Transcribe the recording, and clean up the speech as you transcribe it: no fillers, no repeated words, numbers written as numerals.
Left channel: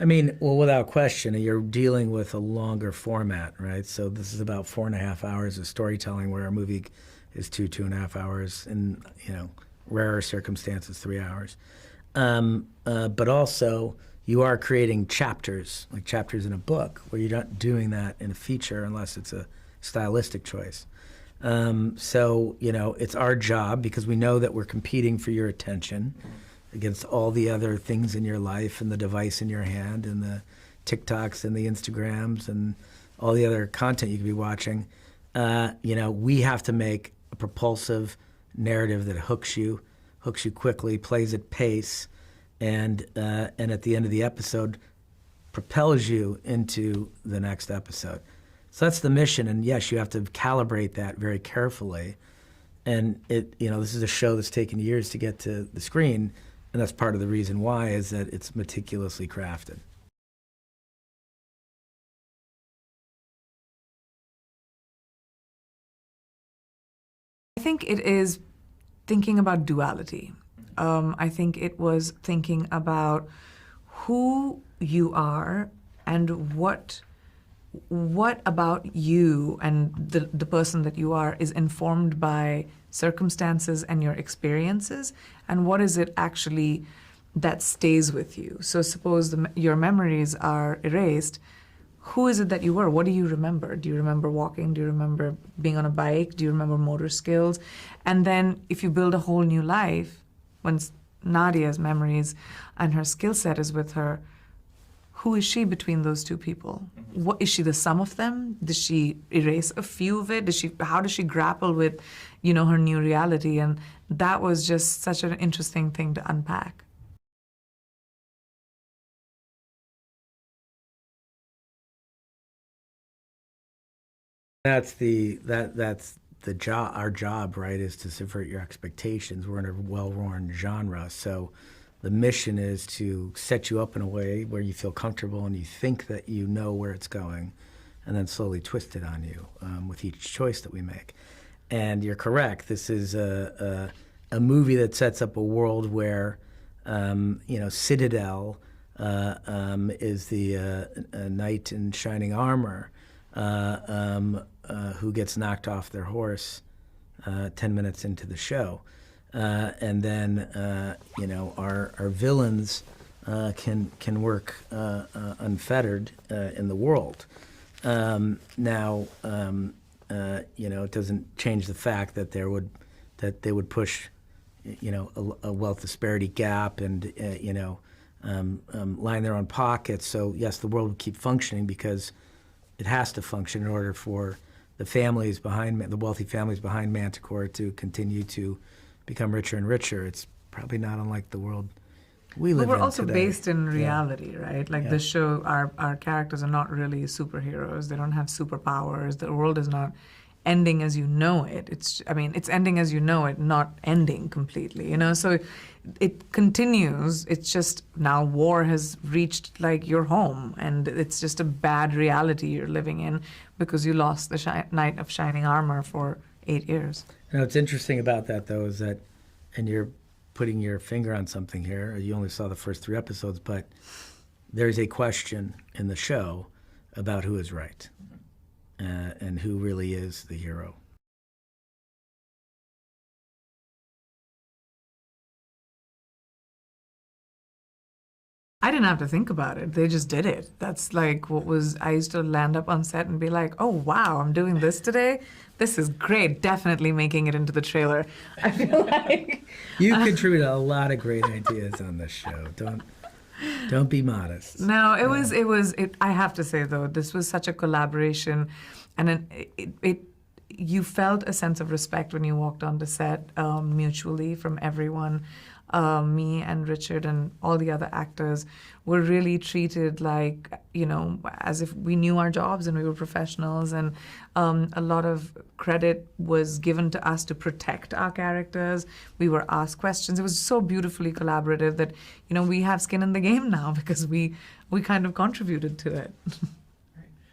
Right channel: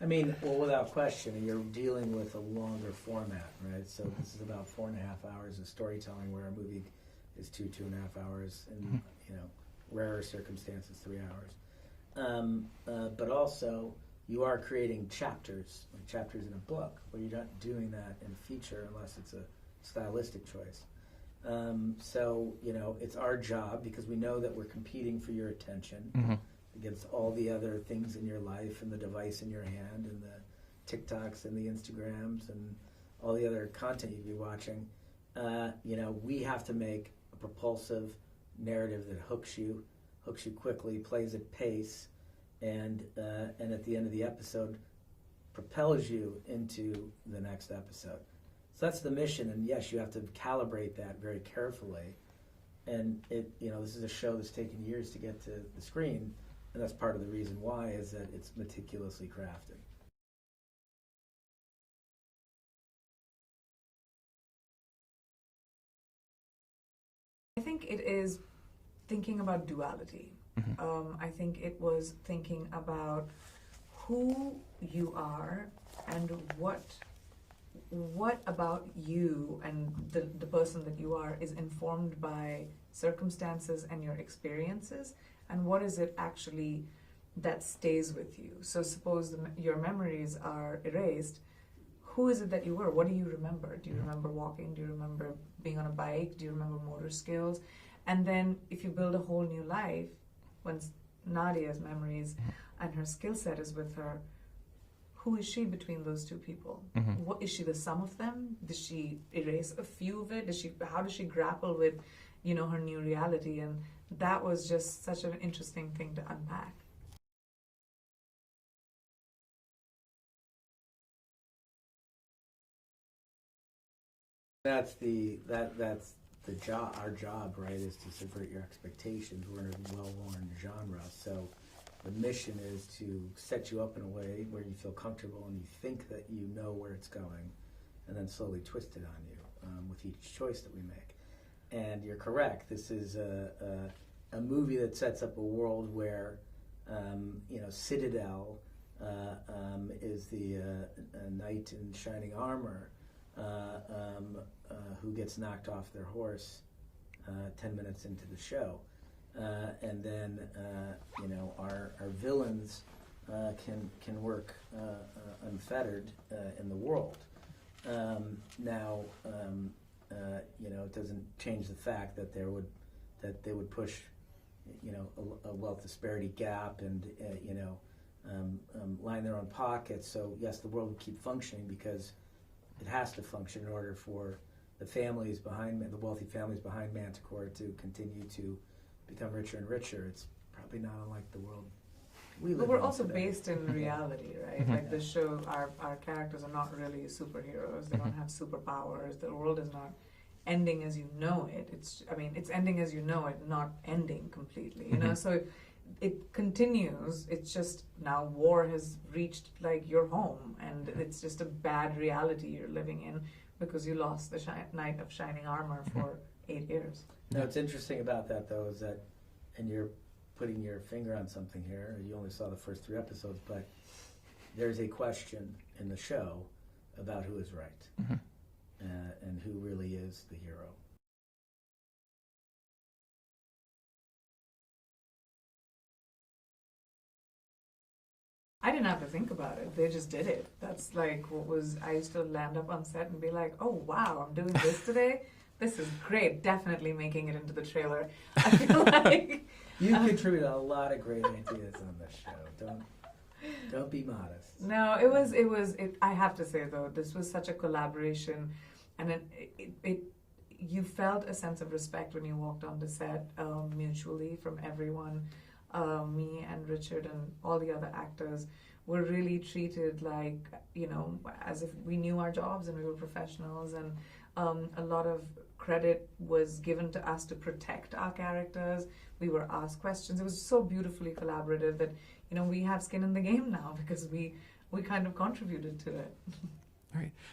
I mean, well, without question, you're dealing with a longer format, right? So this is about 4.5 hours of storytelling, where a movie is 2.5 hours, and rarer circumstances, 3 hours. But also, you are creating chapters, like chapters in a book, where you're not doing that in a feature unless it's a stylistic choice. So, it's our job, because we know that we're competing for your attention against all the other things in your life and the device in your hand and the TikToks and the Instagrams and all the other content you could be watching. We have to make a propulsive narrative that hooks you quickly, plays at pace, and at the end of the episode propels you into the next episode. So that's the mission, and yes, you have to calibrate that very carefully. And this is a show that's taken years to get to the screen, and that's part of the reason why, is that it's meticulously crafted. I think it is thinking about duality. I think it was thinking about who you are and what about you and the person that you are is informed by circumstances and your experiences, and what is it actually that stays with you. So suppose your memories are erased, who is it that you were? What do you remember? Do you remember walking? Do you remember being on a bike? Do you remember motor skills? And then if you build a whole new life, when Nadia's memories and her skill set is with her, who is she between those two people? What is she, the sum of them? Does she erase a few of it? How does she grapple with, her new reality? And that was just such an interesting thing to unpack. That's the job. Our job, right, is to subvert your expectations. We're in a well-worn genre, so the mission is to set you up in a way where you feel comfortable and you think that you know where it's going, and then slowly twist it on you with each choice that we make. And you're correct. This is a movie that sets up a world where Citadel is the knight in shining armor who gets knocked off their horse 10 minutes into the show. And then our villains can work unfettered in the world. Now, it doesn't change the fact that they would push, a wealth disparity gap and line their own pockets. So yes, the world would keep functioning because it has to function in order for the wealthy families behind Manticore to continue to become richer and richer. It's probably not unlike the world we live in today. But we're also based in reality, right? Like the show, our characters are not really superheroes. They don't have superpowers. The world is not ending as you know it. It's ending as you know it, not ending completely, So it continues. It's just now war has reached like your home, and it's just a bad reality you're living in because you lost the knight of shining armor for 8 years. What's interesting about that, though, is that, and you're putting your finger on something here, you only saw the first 3 episodes, but there's a question in the show about who is right and who really is the hero. I didn't have to think about it. They just did it. That's like I used to land up on set and be like, oh, wow, I'm doing this today? This is great. Definitely making it into the trailer. I feel like... You contributed a lot of great ideas on this show. Don't be modest. No, I have to say, though, this was such a collaboration. And you felt a sense of respect when you walked on the set mutually from everyone. Me and Richard and all the other actors were really treated like, as if we knew our jobs and we were professionals, and a lot of credit was given to us to protect our characters. We were asked questions. It was so beautifully collaborative that, we have skin in the game now because we kind of contributed to it.